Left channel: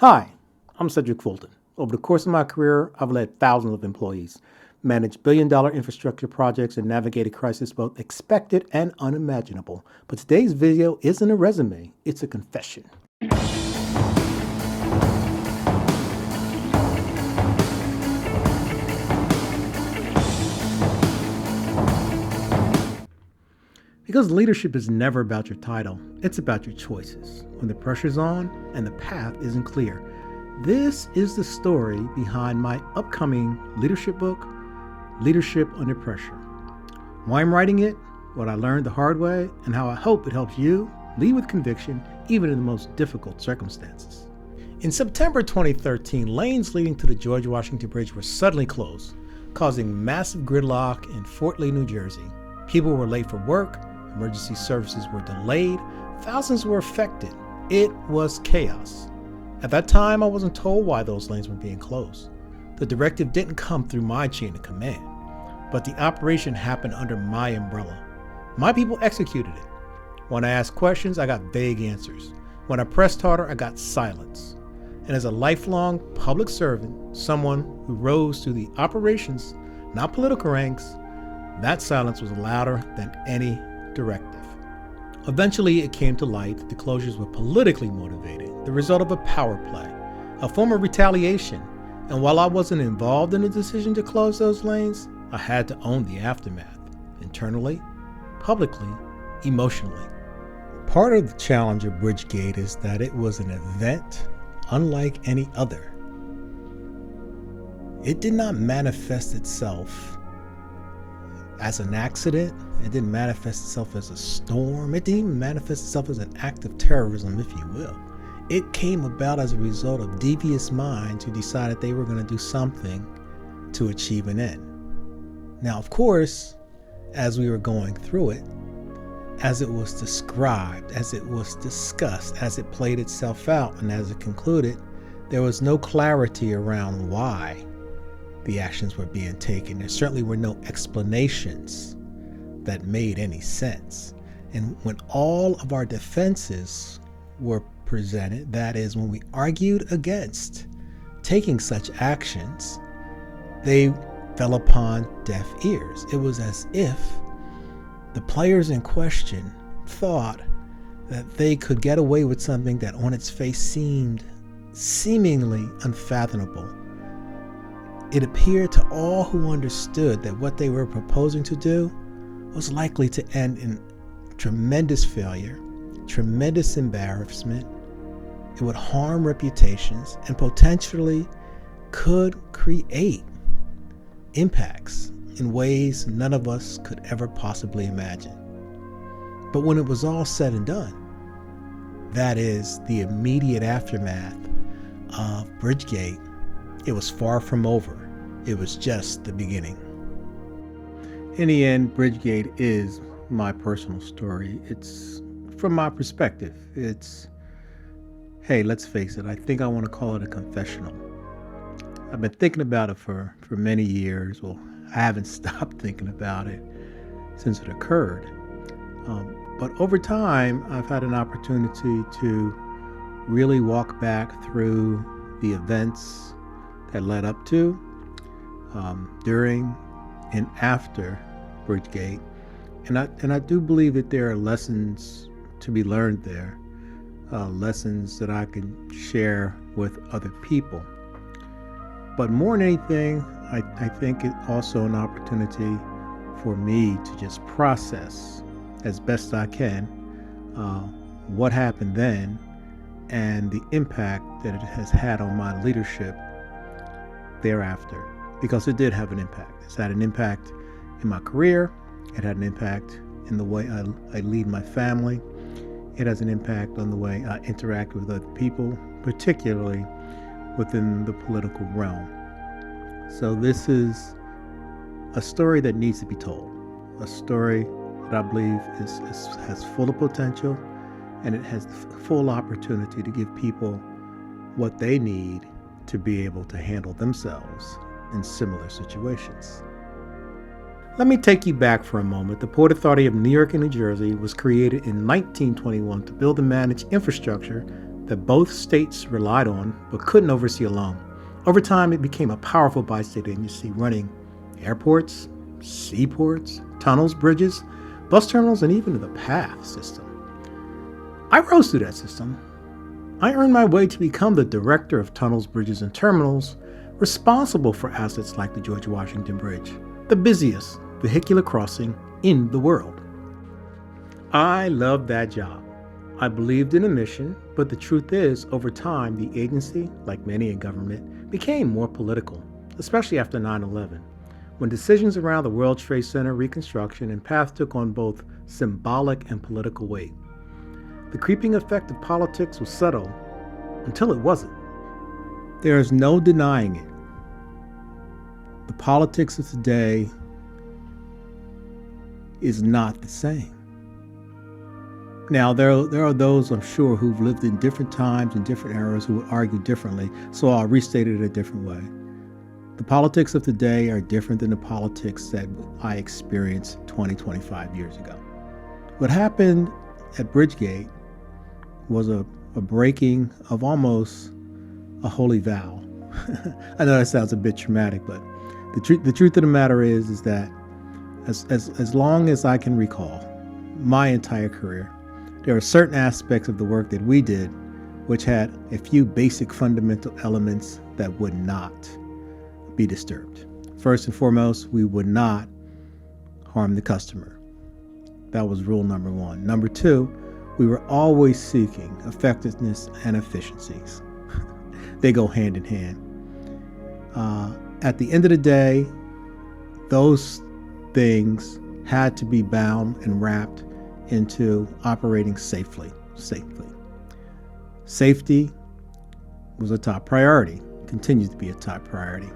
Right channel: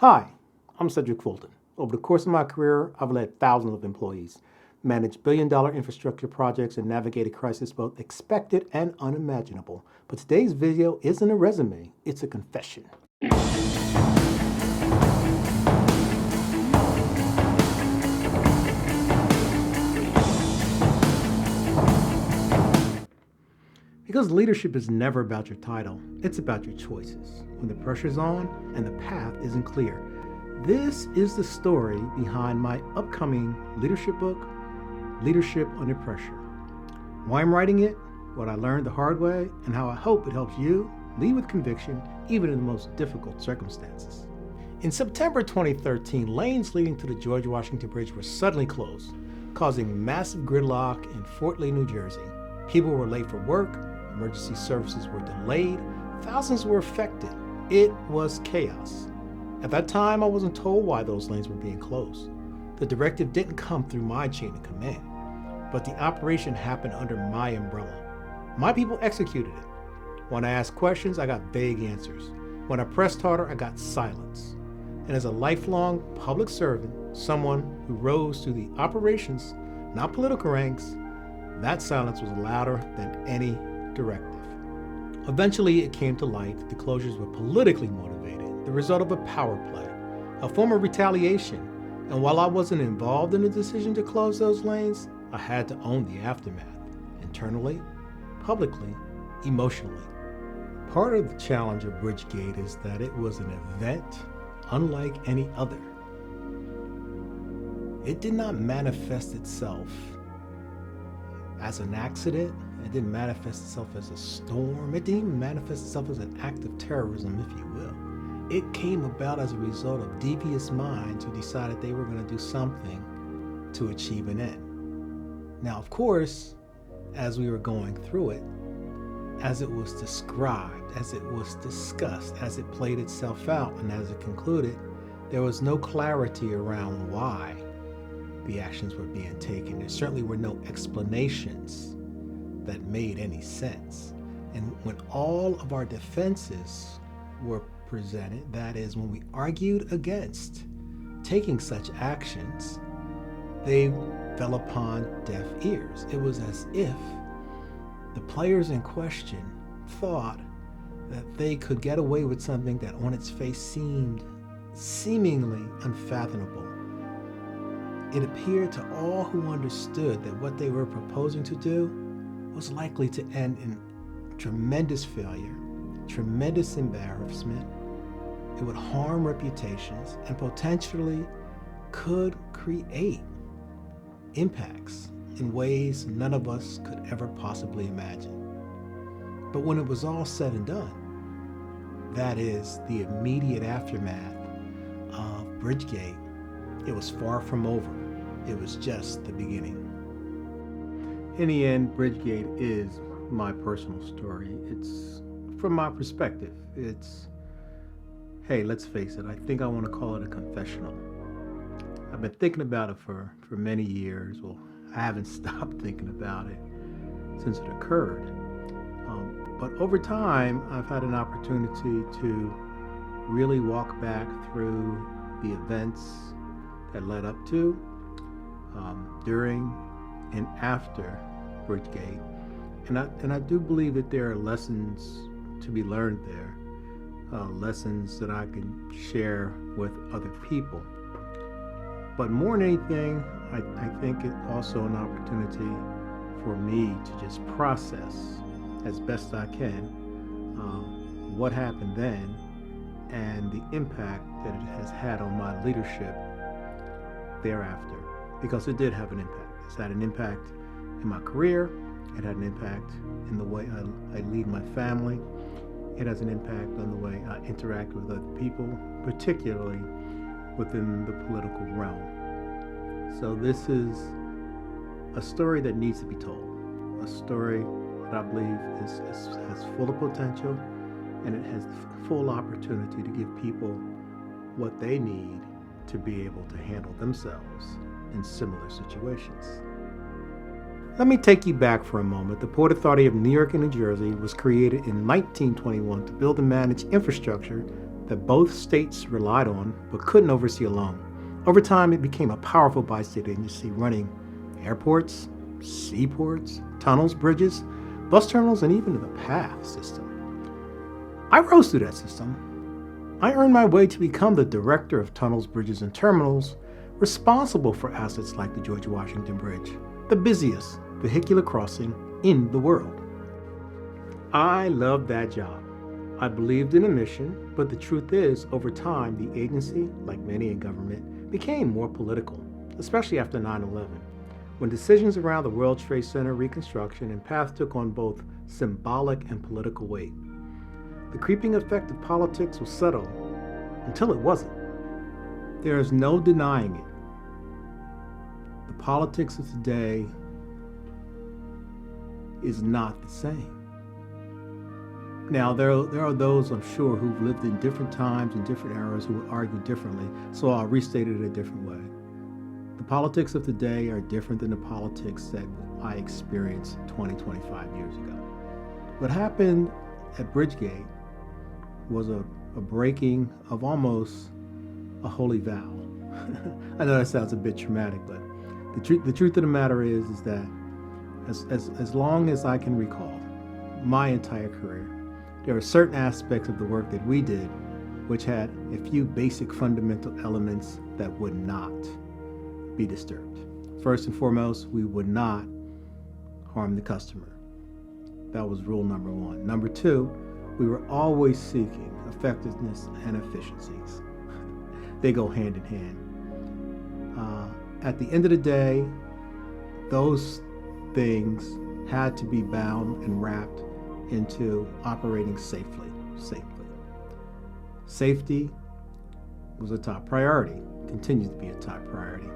Hi, I'm Cedrick Fulton. Over the course of my career, I've led thousands of employees, managed billion-dollar infrastructure projects, and navigated crises both expected and unimaginable. But today's video isn't a resume, it's a confession. Because leadership is never about your title, it's about your choices. When the pressure's on and the path isn't clear. This is the story behind my upcoming leadership book, Leadership Under Pressure. Why I'm writing it, what I learned the hard way, and how I hope it helps you lead with conviction even in the most difficult circumstances. In September 2013, lanes leading to the George Washington Bridge were suddenly closed, causing massive gridlock in Fort Lee, New Jersey. People were late for work, emergency services were delayed, thousands were affected. It was chaos. At that time, I wasn't told why those lanes were being closed. The directive didn't come through my chain of command, but the operation happened under my umbrella. My people executed it. When I asked questions, I got vague answers. When I pressed harder, I got silence. And as a lifelong public servant, someone who rose through the operations, not political ranks, that silence was louder than any directive. Eventually, it came to light that the closures were politically motivated, the result of a power play, a form of retaliation. And while I wasn't involved in the decision to close those lanes, I had to own the aftermath, internally, publicly, emotionally. Part of the challenge of Bridgegate is that it was an event unlike any other. It did not manifest itself as an accident. It didn't manifest itself as a storm. It didn't even manifest itself as an act of terrorism, if you will. It came about as a result of devious minds who decided they were going to do something to achieve an end. Now, of course, as we were going through it, as it was described, as it was discussed, as it played itself out, and as it concluded, there was no clarity around why the actions were being taken. There certainly were no explanations that made any sense. And when all of our defenses were presented, that is, when we argued against taking such actions, they fell upon deaf ears. It was as if the players in question thought that they could get away with something that on its face seemed seemingly unfathomable. It appeared to all who understood that what they were proposing to do was likely to end in tremendous failure, tremendous embarrassment. It would harm reputations and potentially could create impacts in ways none of us could ever possibly imagine. But when it was all said and done, that is, the immediate aftermath of Bridgegate, it was far from over. It was just the beginning. In the end, Bridgegate is my personal story. It's from my perspective. It's, hey, let's face it, I think I want to call it a confessional. I've been thinking about it for many years. Well, I haven't stopped thinking about it since it occurred. But over time, I've had an opportunity to really walk back through the events that led up to, during, and after Bridgegate. And I do believe that there are lessons to be learned there, lessons that I can share with other people. But more than anything, I think it's also an opportunity for me to just process as best I can what happened then and the impact that it has had on my leadership thereafter. Because it did have an impact. It's had an impact in my career. It had an impact in the way I lead my family. It has an impact on the way I interact with other people, particularly within the political realm. So this is a story that needs to be told. A story that I believe has full of potential, and it has full opportunity to give people what they need to be able to handle themselves in similar situations. Let me take you back for a moment. The Port Authority of New York and New Jersey was created in 1921 to build and manage infrastructure that both states relied on but couldn't oversee alone. Over time, it became a powerful bi-state agency running airports, seaports, tunnels, bridges, bus terminals, and even the path system. I rose through that system. I earned my way to become the director of tunnels, bridges, and terminals, responsible for assets like the George Washington Bridge, the busiest vehicular crossing in the world. I loved that job. I believed in a mission, but the truth is, over time, the agency, like many in government, became more political, especially after 9/11, when decisions around the World Trade Center reconstruction and path took on both symbolic and political weight. The creeping effect of politics was subtle until it wasn't. There is no denying it. The politics of today is not the same. Now, there are those, I'm sure, who've lived in different times and different eras who would argue differently, so I'll restate it a different way. The politics of today are different than the politics that I experienced 20, 25 years ago. What happened at Bridgegate was a breaking of almost a holy vow. I know that sounds a bit traumatic, but the truth of the matter is that as long as I can recall, my entire career, there are certain aspects of the work that we did which had a few basic fundamental elements that would not be disturbed. First and foremost, we would not harm the customer. That was rule number one. Number two, we were always seeking effectiveness and efficiencies. They go hand in hand. At the end of the day, those things had to be bound and wrapped into operating safely. Safety was a top priority, continues to be a top priority.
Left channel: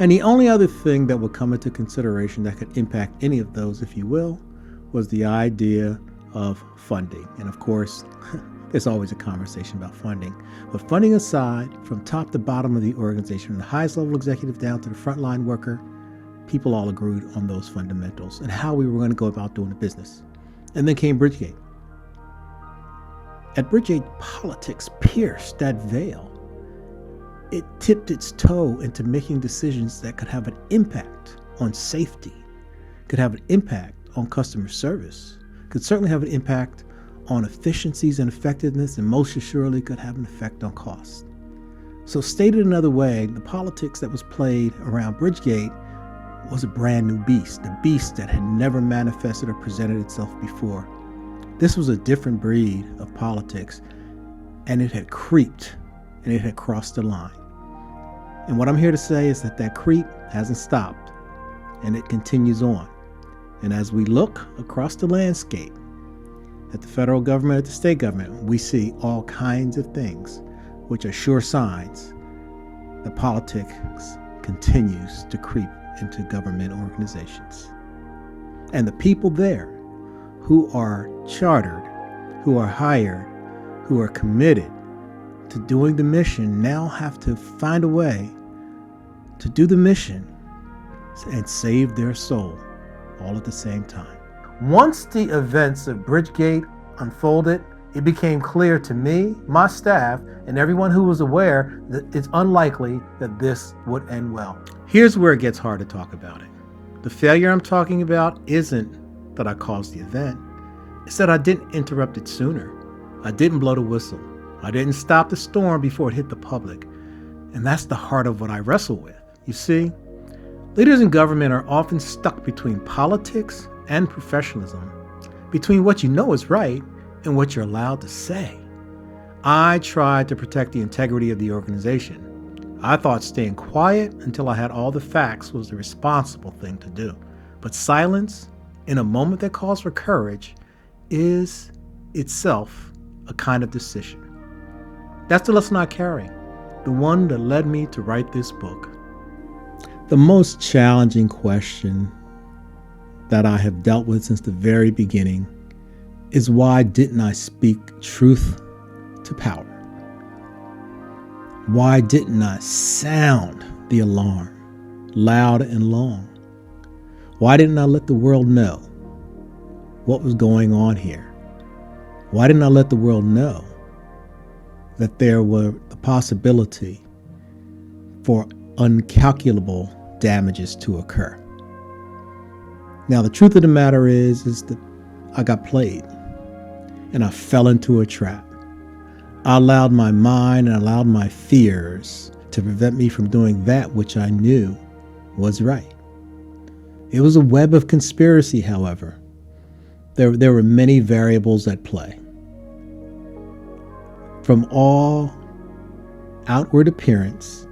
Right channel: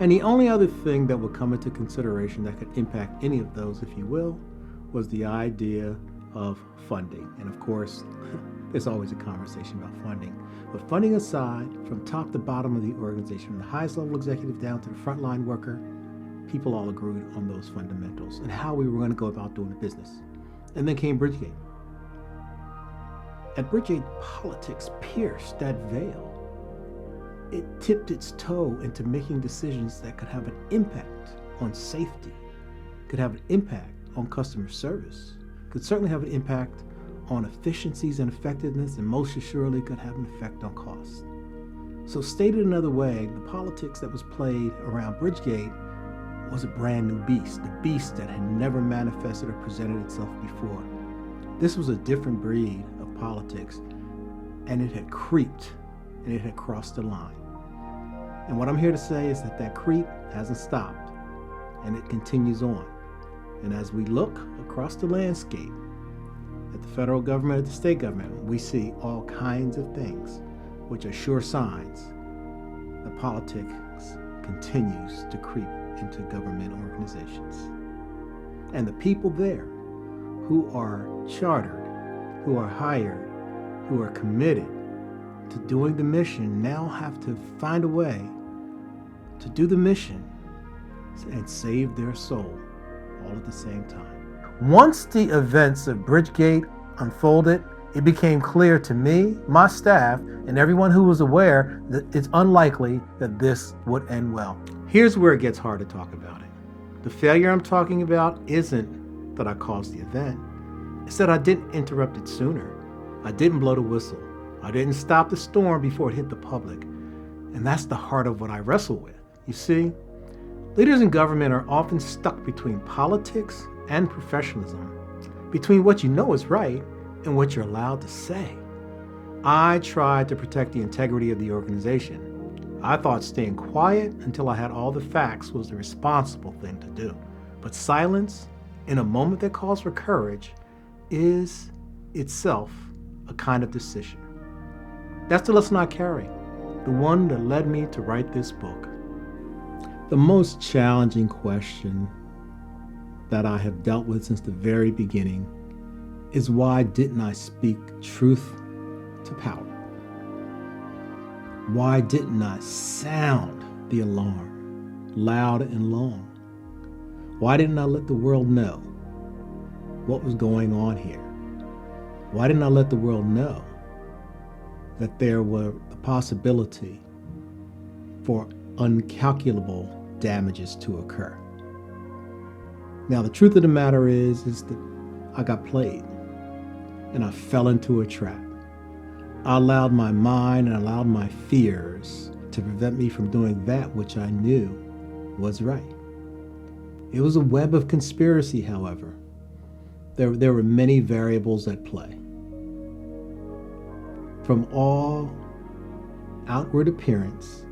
And the only other thing that would come into consideration that could impact any of those, if you will, was the idea of funding. And of course, there's always a conversation about funding. But funding aside, from top to bottom of the organization, from the highest level executive down to the frontline worker, people all agreed on those fundamentals and how we were going to go about doing the business. And then came Bridgegate. At Bridgegate, politics pierced that veil. It tipped its toe into making decisions that could have an impact on safety, could have an impact on customer service, could certainly have an impact on efficiencies and effectiveness, and most assuredly could have an effect on cost. So stated another way, the politics that was played around Bridgegate was a brand new beast, the beast that had never manifested or presented itself before. This was a different breed of politics, and it had creeped and it had crossed the line. And what I'm here to say is that creep hasn't stopped, and it continues on. And as we look across the landscape at the federal government, at the state government, we see all kinds of things which are sure signs that politics continues to creep into government organizations. And the people there who are chartered, who are hired, who are committed to doing the mission now have to find a way to do the mission and save their soul all at the same time. Once the events of Bridgegate unfolded, it became clear to me, my staff, and everyone who was aware that it's unlikely that this would end well. Here's where it gets hard to talk about it. The failure I'm talking about isn't that I caused the event. It's that I didn't interrupt it sooner. I didn't blow the whistle. I didn't stop the storm before it hit the public. And that's the heart of what I wrestle with. You see, leaders in government are often stuck between politics and professionalism, between what you know is right and what you're allowed to say. I tried to protect the integrity of the organization. I thought staying quiet until I had all the facts was the responsible thing to do. But silence, in a moment that calls for courage, is itself a kind of decision. That's the lesson I carry, the one that led me to write this book. The most challenging question that I have dealt with since the very beginning is, why didn't I speak truth to power? Why didn't I sound the alarm loud and long? Why didn't I let the world know what was going on here? Why didn't I let the world know that there were the possibility for uncalculable damages to occur. Now, the truth of the matter is that I got played and I fell into a trap. I allowed my mind and allowed my fears to prevent me from doing that which I knew was right. It was a web of conspiracy, however. There were many variables at play. From all outward appearance,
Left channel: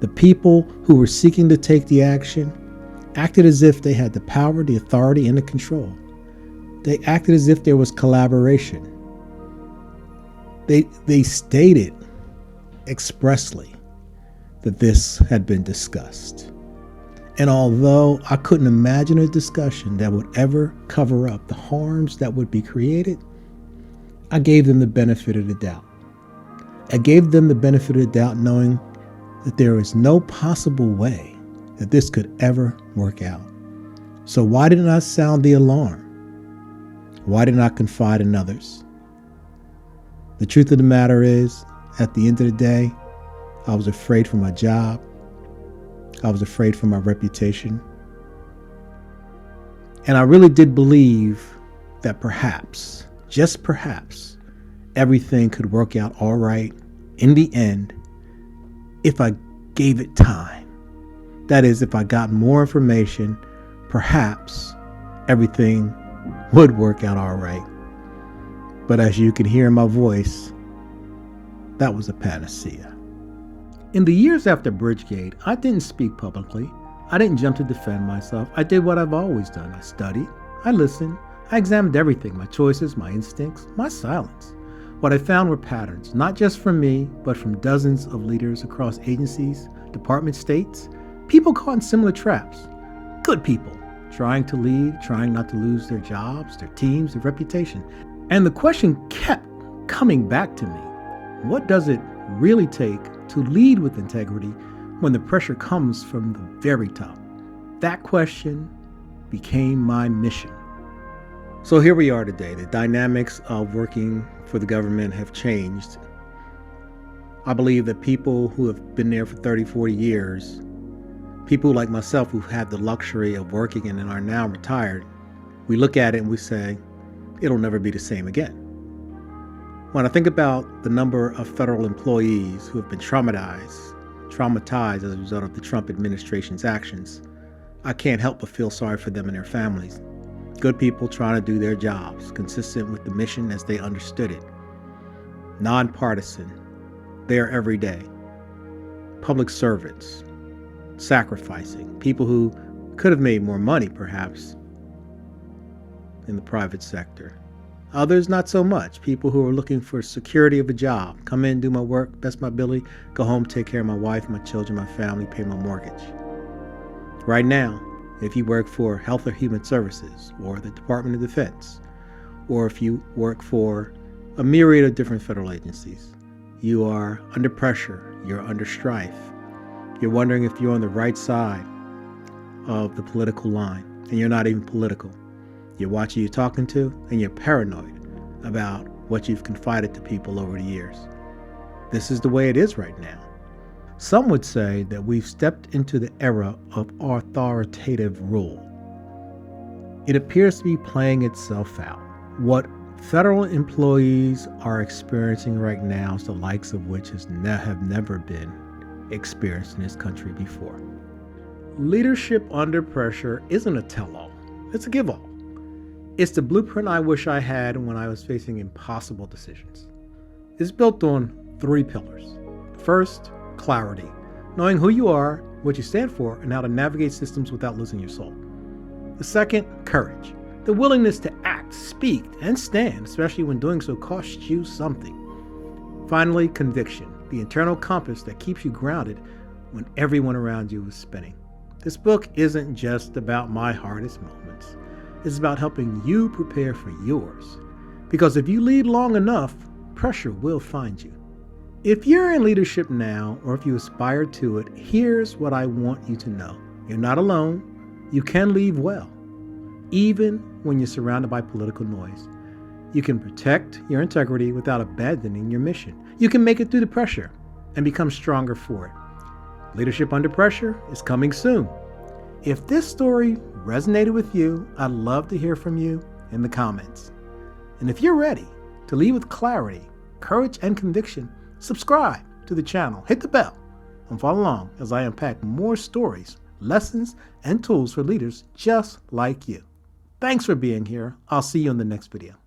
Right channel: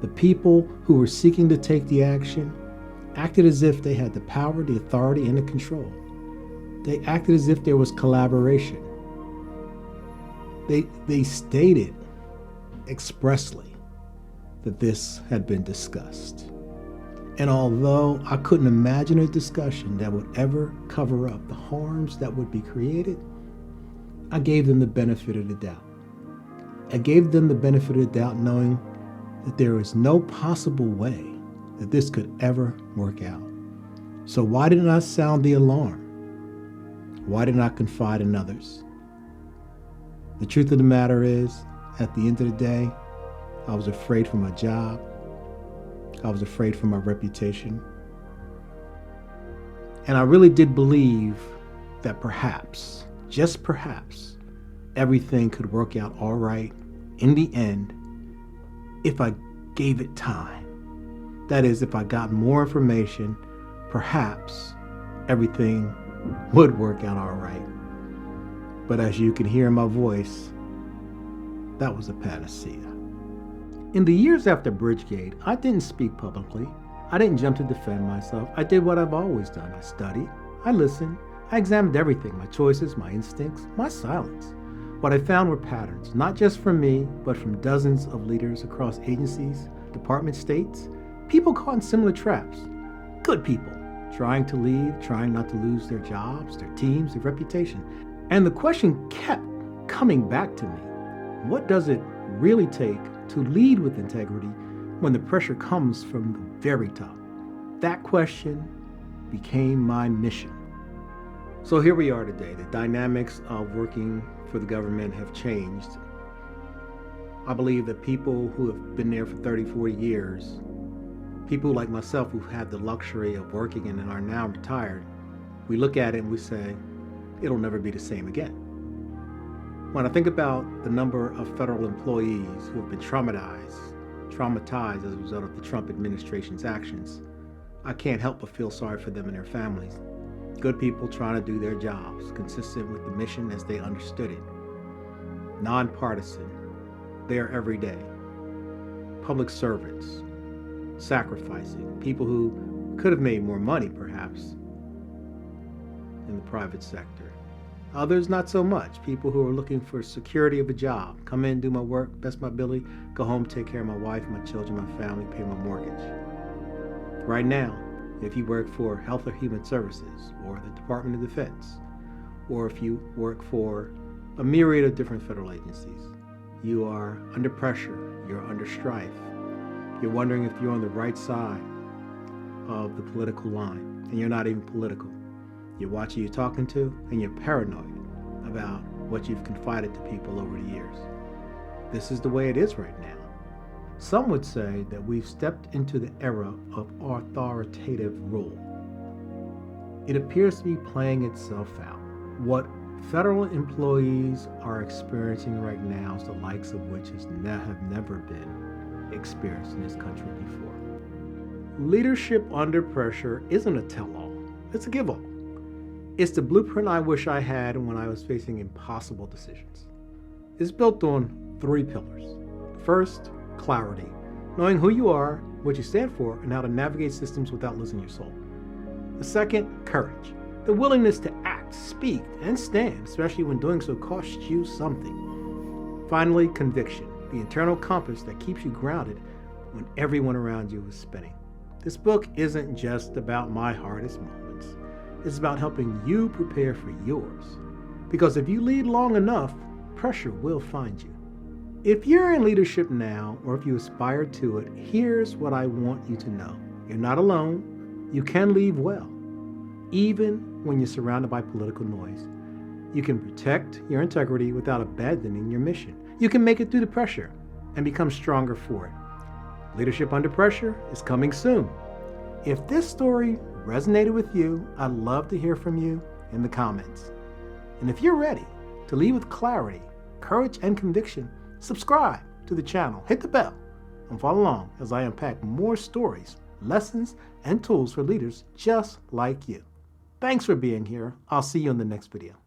the people who were seeking to take the action acted as if they had the power, the authority, and the control. They acted as if there was collaboration. They stated expressly that this had been discussed. And although I couldn't imagine a discussion that would ever cover up the harms that would be created, I gave them the benefit of the doubt. I gave them the benefit of the doubt knowing that there is no possible way that this could ever work out. So why didn't I sound the alarm? Why didn't I confide in others? The truth of the matter is, at the end of the day, I was afraid for my job. I was afraid for my reputation. And I really did believe that perhaps, just perhaps, everything could work out all right in the end if I gave it time. That is, if I got more information, perhaps everything would work out all right. But as you can hear in my voice, that was a panacea. In the years after Bridgegate, I didn't speak publicly. I didn't jump to defend myself. I did what I've always done. I studied, I listened, I examined everything, my choices, my instincts, my silence. What I found were patterns, not just from me, but from dozens of leaders across agencies, departments, states, people caught in similar traps. Good people, trying to lead, trying not to lose their jobs, their teams, their reputation. And the question kept coming back to me. What does it really take to lead with integrity when the pressure comes from the very top? That question became my mission. So here we are today. The dynamics of working for the government have changed. I believe that people who have been there for 30, 40 years, people like myself who've had the luxury of working and are now retired, we look at it and we say, it'll never be the same again. When I think about the number of federal employees who have been traumatized as a result of the Trump administration's actions, I can't help but feel sorry for them and their families. Good people trying to do their jobs, consistent with the mission as they understood it. Nonpartisan, there every day. Public servants, sacrificing, people who could have made more money perhaps in the private sector. Others not so much, people who are looking for security of a job, come in, do my work, best my ability, go home, take care of my wife, my children, my family, pay my mortgage. Right now, if you work for Health or Human Services or the Department of Defense, or if you work for a myriad of different federal agencies, you are under pressure, you're under strife. You're wondering if you're on the right side of the political line, and you're not even political. You're watching who you're talking to, and you're paranoid about what you've confided to people over the years. This is the way it is right now. Some would say that we've stepped into the era of authoritative rule. It appears to be playing itself out. What federal employees are experiencing right now is the likes of which have never been experienced in this country before. Leadership under pressure isn't a tell-all, it's a give-all. It's the blueprint I wish I had when I was facing impossible decisions. It's built on 3 pillars. First, clarity, knowing who you are, what you stand for, and how to navigate systems without losing your soul. The second, courage, the willingness to act, speak, and stand, especially when doing so costs you something. Finally, conviction, the internal compass that keeps you grounded when everyone around you is spinning. This book isn't just about my hardest moments. It's about helping you prepare for yours. Because if you lead long enough, pressure will find you. If you're in leadership now, or if you aspire to it, here's what I want you to know. You're not alone. You can lead well, even when you're surrounded by political noise. You can protect your integrity without abandoning your mission. You can make it through the pressure and become stronger for it. Leadership Under Pressure is coming soon. If this story resonated with you, I'd love to hear from you in the comments. And if you're ready to lead with clarity, courage, and conviction, subscribe to the channel, hit the bell, and follow along as I unpack more stories, lessons, and tools for leaders just like you. Thanks for being here. I'll see you in the next video.